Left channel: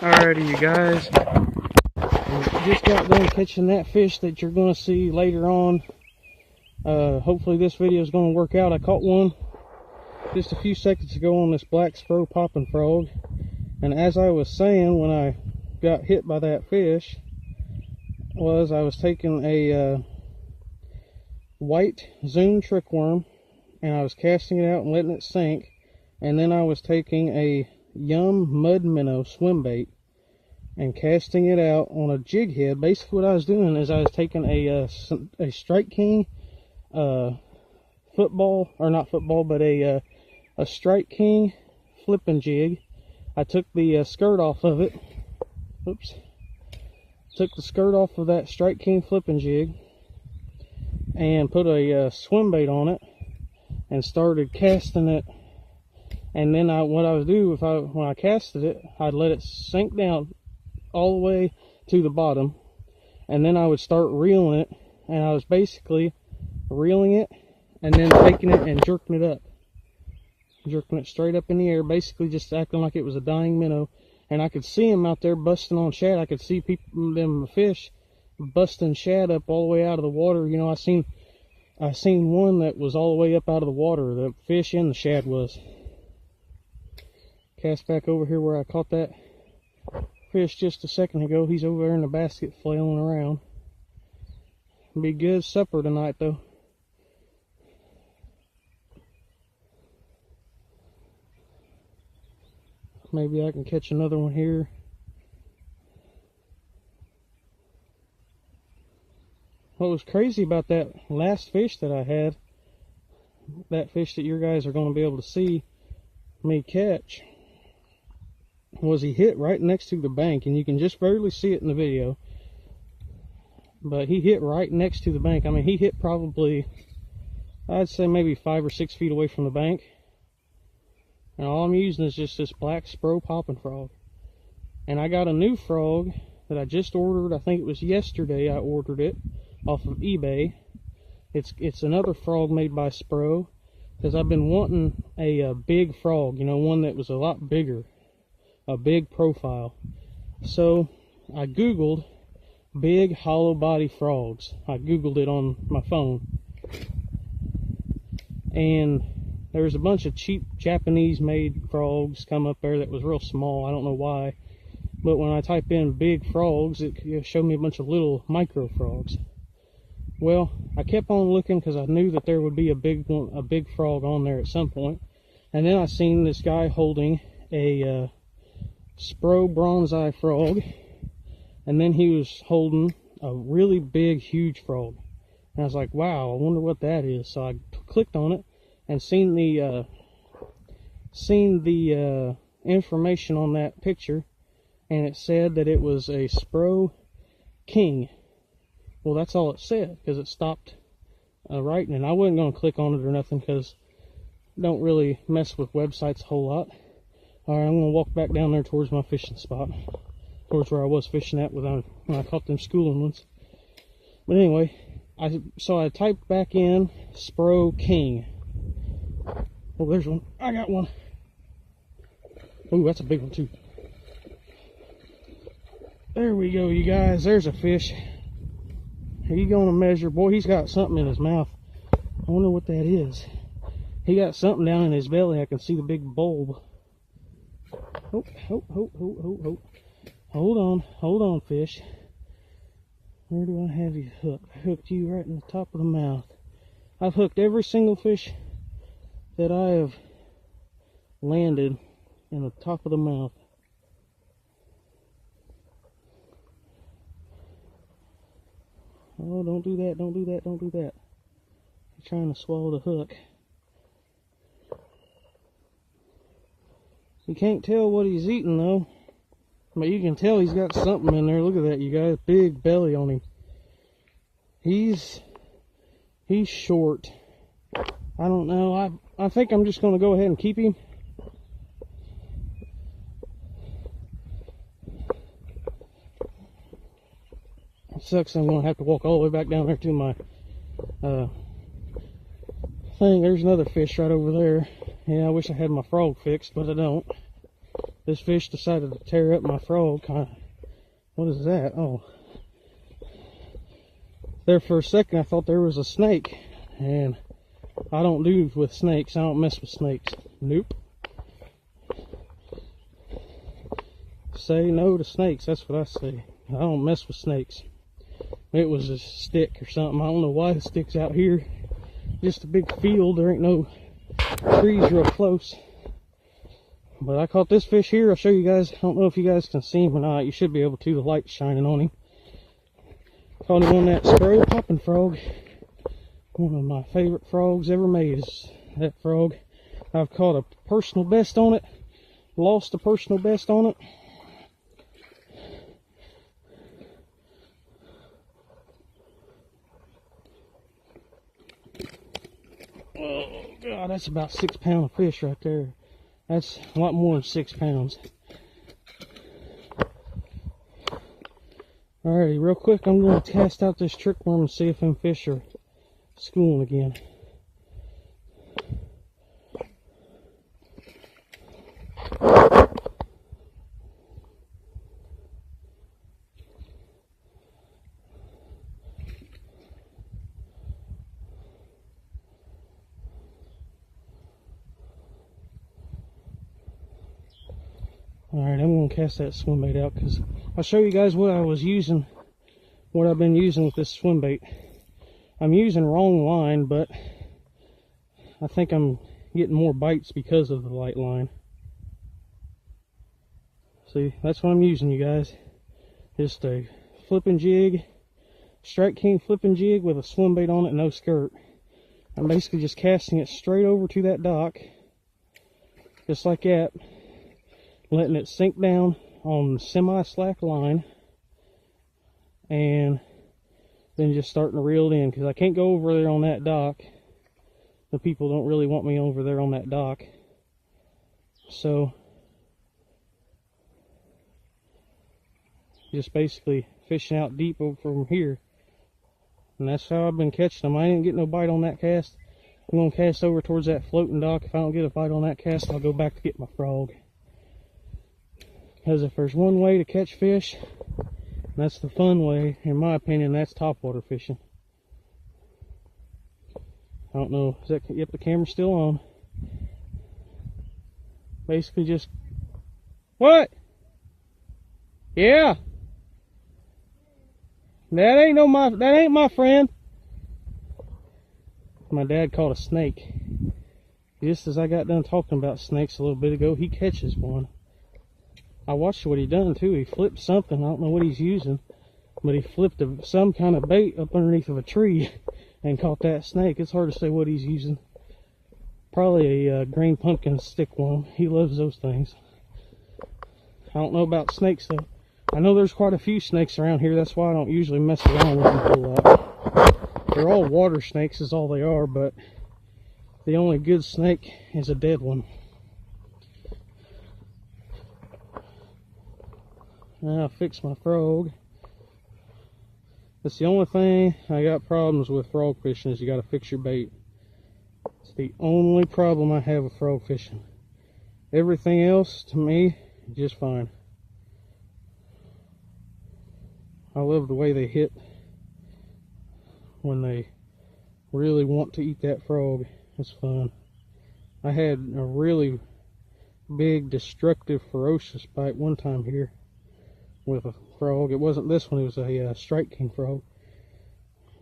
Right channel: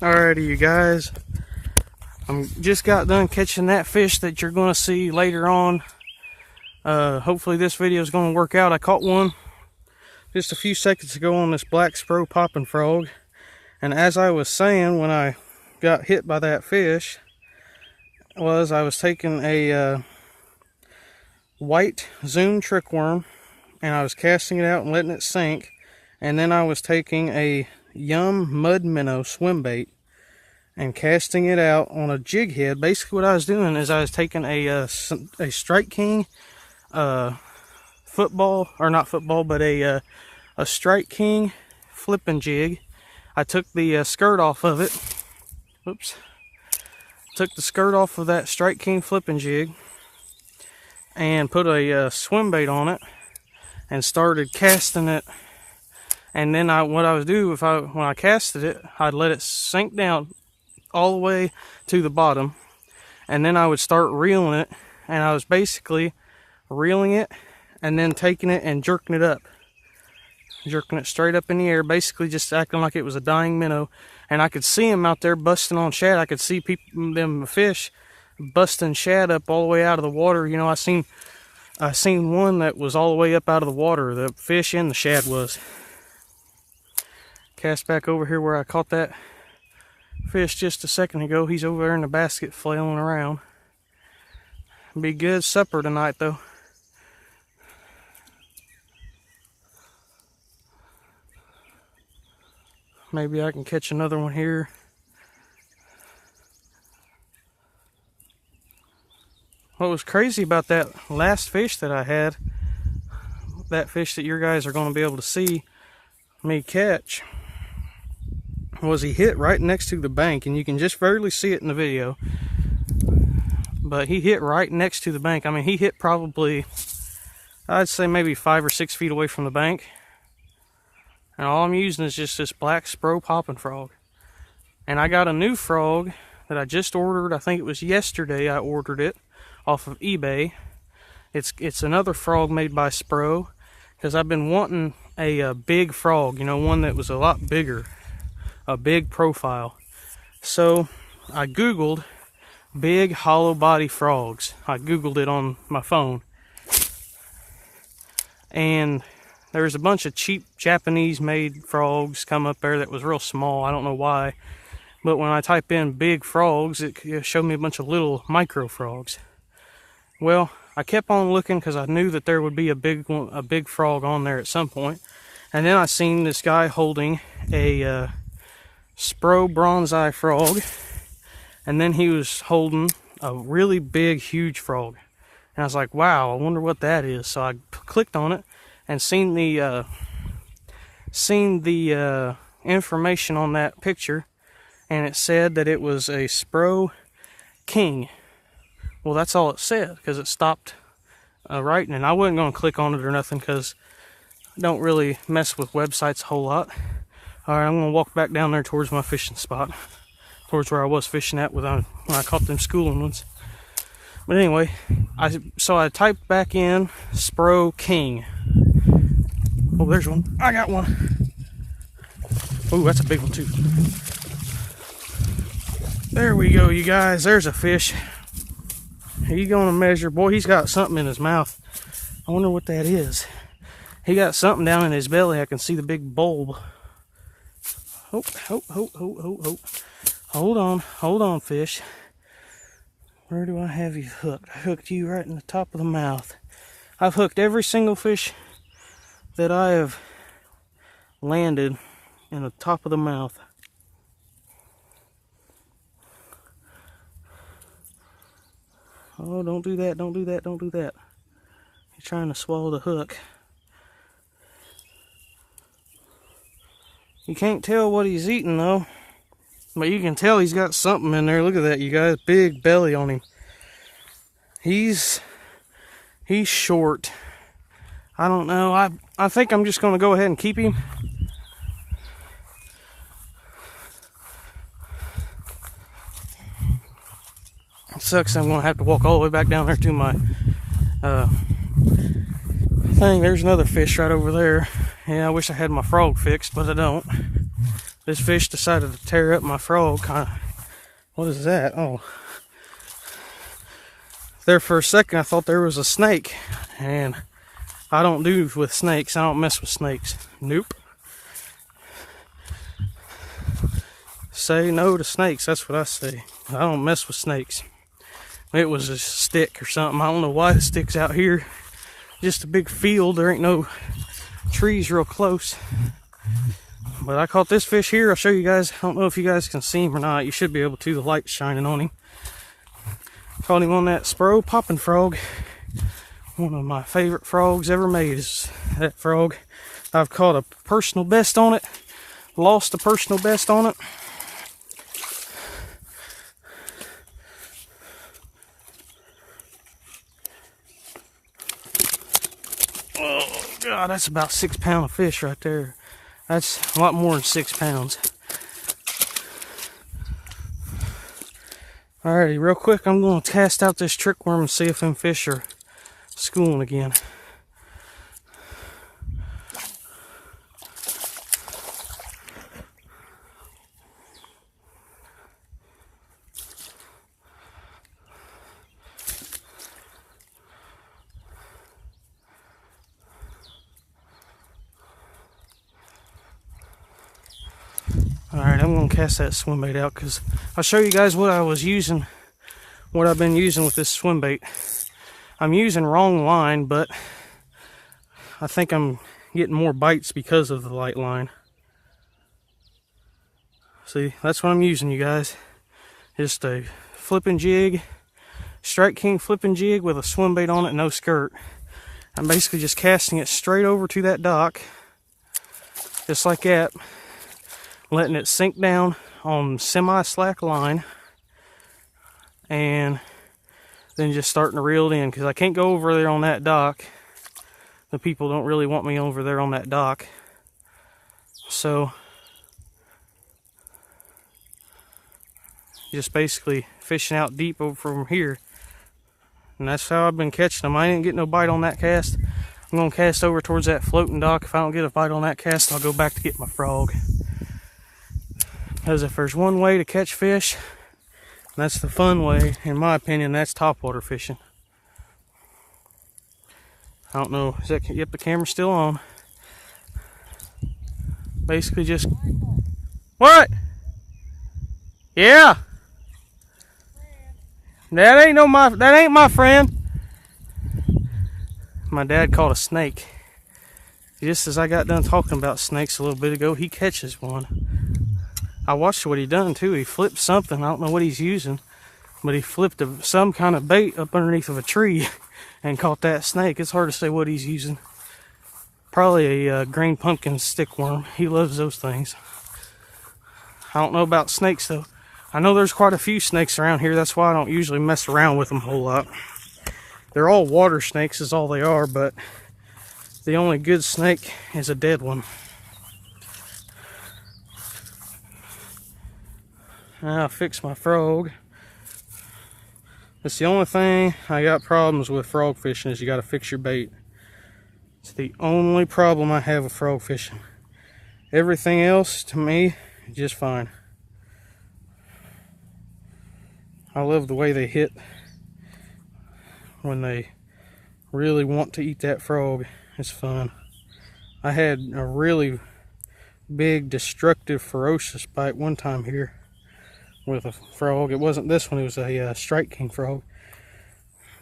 Alrighty, you guys. I just got done catching that fish that you're going to see later on. Hopefully this video is going to work out. I caught one just a few seconds ago on this black spro popping frog. And as I was saying when I got hit by that fish, I was taking a white zoom trick worm and I was casting it out and letting it sink. And then I was taking a Yum mud minnow swim bait and casting it out on a jig head. Basically what I was doing is I was taking a Strike King football, or not football, but a Strike King flipping jig. I took the skirt off of it. Oops. Took the skirt off of that Strike King flipping jig and put a swim bait on it and started casting it. And then what I would do when I casted it, I'd let it sink down all the way to the bottom, and then I would start reeling it, and I was basically reeling it and then taking it and jerking it straight up in the air, basically just acting like it was a dying minnow. And I could see them out there busting on shad. I could see them fish busting shad up all the way out of the water. You know, I seen one that was all the way up out of the water, the fish and the shad was. Cast back over here where I caught that fish just a second ago. He's over there in the basket flailing around. Be good supper tonight though. Maybe I can catch another one here. What was crazy about that last fish that I had, that fish that your guys are going to be able to see me catch, was he hit right next to the bank, and you can just barely see it in the video, but he hit right next to the bank. I mean, he hit probably, I'd say maybe 5 or 6 feet away from the bank, and all I'm using is just this black spro popping frog. And I got a new frog that I just ordered. I think it was yesterday I ordered it off of eBay. It's another frog made by Spro, because I've been wanting a big frog, you know, one that was a lot bigger, a big profile. So I googled big hollow body frogs. I googled it on my phone, and there's a bunch of cheap Japanese made frogs come up there that was real small. I don't know why, but when I type in big frogs, it showed me a bunch of little micro frogs. Well, I kept on looking because I knew that there would be a big frog on there at some point. And then I seen this guy holding a Spro bronze-eye frog, and then he was holding a really big, huge frog. And I was like, wow, I wonder what that is. So I clicked on it and seen the information on that picture, and it said that it was a Spro King. Well, that's all it said, because it stopped writing, and I wasn't going to click on it or nothing because I don't really mess with websites a whole lot. Alright, I'm going to walk back down there towards my fishing spot, towards where I was fishing at when I caught them schooling ones. But anyway, so I typed back in Spro King. Oh, there's one. I got one. Oh, that's a big one too. There we go, you guys. There's a fish. He's going to measure. Boy, he's got something in his mouth. I wonder what that is. He got something down in his belly. I can see the big bulb. Oh. Hold on, fish. Where do I have you hooked? I hooked you right in the top of the mouth. I've hooked every single fish that I have landed in the top of the mouth. Oh, don't do that, don't do that, don't do that. He's trying to swallow the hook. You can't tell what he's eating though, but you can tell he's got something in there. Look at that, you guys. Big belly on him. He's short. I don't know. I think I'm just going to go ahead and keep him. It sucks. I'm going to have to walk all the way back down there to my thing. There's another fish right over there. Yeah, I wish I had my frog fixed, but I don't. This fish decided to tear up my frog. What is that? Oh. There for a second I thought there was a snake, and I don't do with snakes. I don't mess with snakes. Nope. Say no to snakes, that's what I say. I don't mess with snakes. It was a stick or something. I don't know why the stick's out here. Just a big field. There ain't no trees real close. But I caught this fish here. I'll show you guys. I don't know if you guys can see him or not. You should be able to. The light's shining on him. Caught him on that spro popping frog. One of my favorite frogs ever made is that frog. I've caught a personal best on it. Lost a personal best on it. Oh God, that's about 6 pounds of fish right there. That's a lot more than 6 pounds. Alrighty, real quick, I'm going to cast out this trick worm and see if them fish are schooling again. Alright, I'm going to cast that swim bait out because I'll show you guys what I was using, what I've been using with this swim bait. I'm using wrong line, but I think I'm getting more bites because of the light line. See, that's what I'm using, you guys. Just a flipping jig, Strike King flipping jig with a swim bait on it, no skirt. I'm basically just casting it straight over to that dock, just like that. Letting it sink down on semi-slack line, and then just starting to reel it in, because I can't go over there on that dock. The people don't really want me over there on that dock. So just basically fishing out deep over from here, and that's how I've been catching them. I didn't get no bite on that cast. I'm going to cast over towards that floating dock. If I don't get a bite on that cast, I'll go back to get my frog. Because if there's one way to catch fish, that's the fun way, in my opinion, that's topwater fishing. I don't know, is that, yep, the camera's still on. Basically just, what? Yeah. That ain't my friend. My dad caught a snake. Just as I got done talking about snakes a little bit ago, he catches one. I watched what he done too. He flipped something. I don't know what he's using, but he flipped some kind of bait up underneath of a tree and caught that snake. It's hard to say what he's using. Probably a green pumpkin stick worm. He loves those things. I don't know about snakes though. I know there's quite a few snakes around here. That's why I don't usually mess around with them a whole lot. They're all water snakes is all they are, but the only good snake is a dead one. Now I'll fix my frog. That's the only thing I got problems with frog fishing, is you got to fix your bait. It's the only problem I have with frog fishing. Everything else, to me, is just fine. I love the way they hit when they really want to eat that frog. It's fun. I had a really big, destructive, ferocious bite one time here with a frog. It wasn't this one, it was a Strike King frog.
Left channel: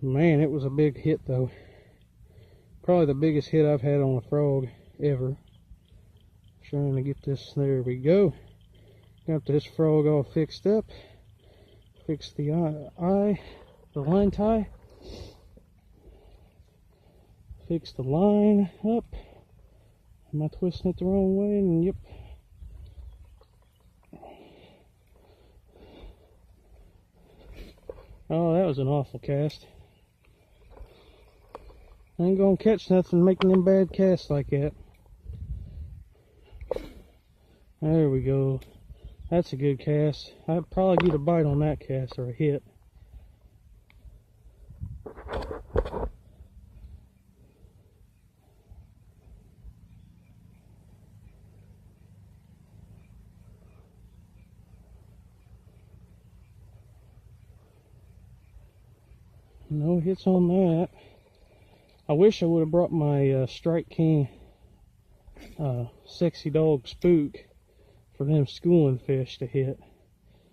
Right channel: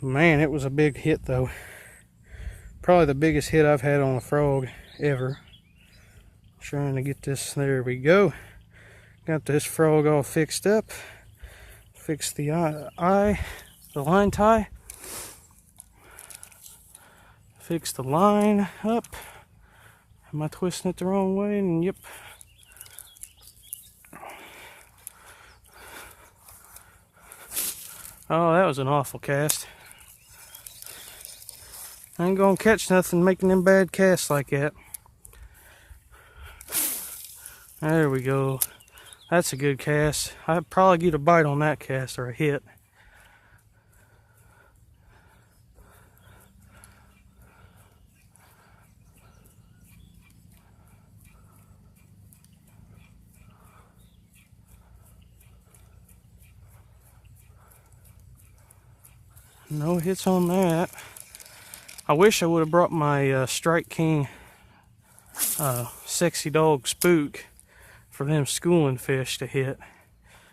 Man, it was a big hit though. Probably the biggest hit I've had on a frog ever. Trying to get this, there we go. Got this frog all fixed up. Fixed the the line tie. Fix the line up. Am I twisting it the wrong way? And yep. Oh, that was an awful cast. I ain't gonna catch nothing making them bad casts like that. There we go. That's a good cast. I'd probably get a bite on that cast, or a hit. No hits on that. I wish I would have brought my Strike King Sexy Dog Spook for them schooling fish to hit,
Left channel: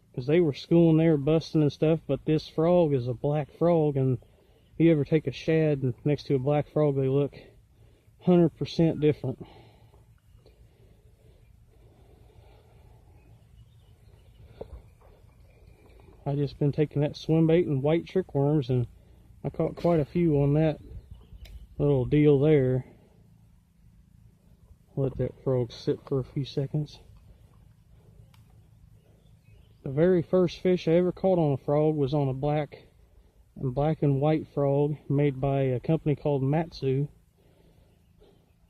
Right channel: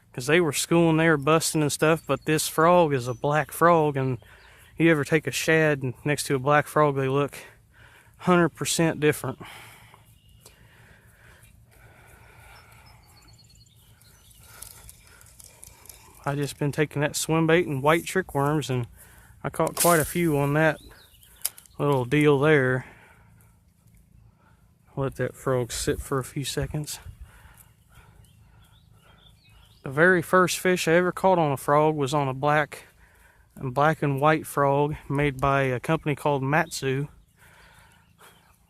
because they were schooling, they were busting and stuff. But this frog is a black frog, and you ever take a shad next to a black frog, they look 100% different. I just been taking that swim bait and white trick worms, and I caught quite a few on that little deal there. Let that frog sit for a few seconds. The very first fish I ever caught on a frog was on a black and white frog made by a company called Matsu,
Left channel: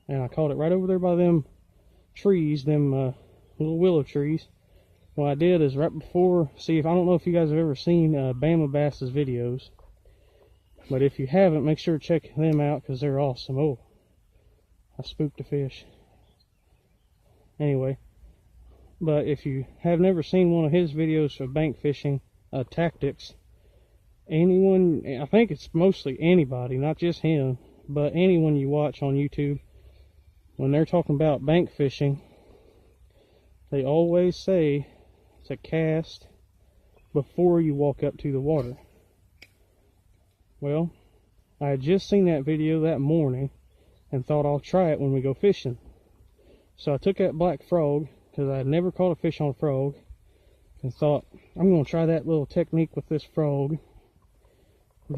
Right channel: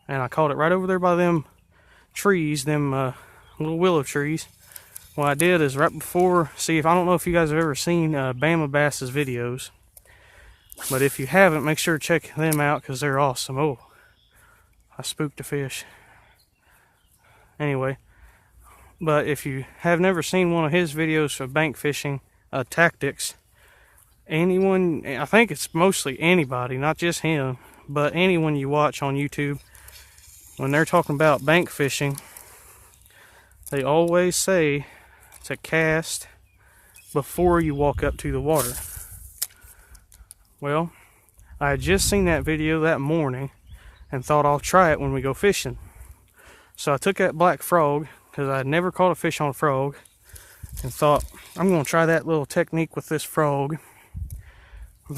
and I caught it right over there by them trees, them little willow trees. What I did is right before, I don't know if you guys have ever seen Bama Bass's videos, but if you haven't, make sure to check them out because they're awesome. Oh, I spooked a fish. Anyway, but if you have never seen one of his videos of bank fishing tactics, anyone, I think it's mostly anybody, not just him, but anyone you watch on YouTube, when they're talking about bank fishing, they always say to cast before you walk up to the water. Well, I had just seen that video that morning and thought I'll try it when we go fishing. So I took that black frog, because I had never caught a fish on a frog, and thought I'm going to try that little technique with this frog.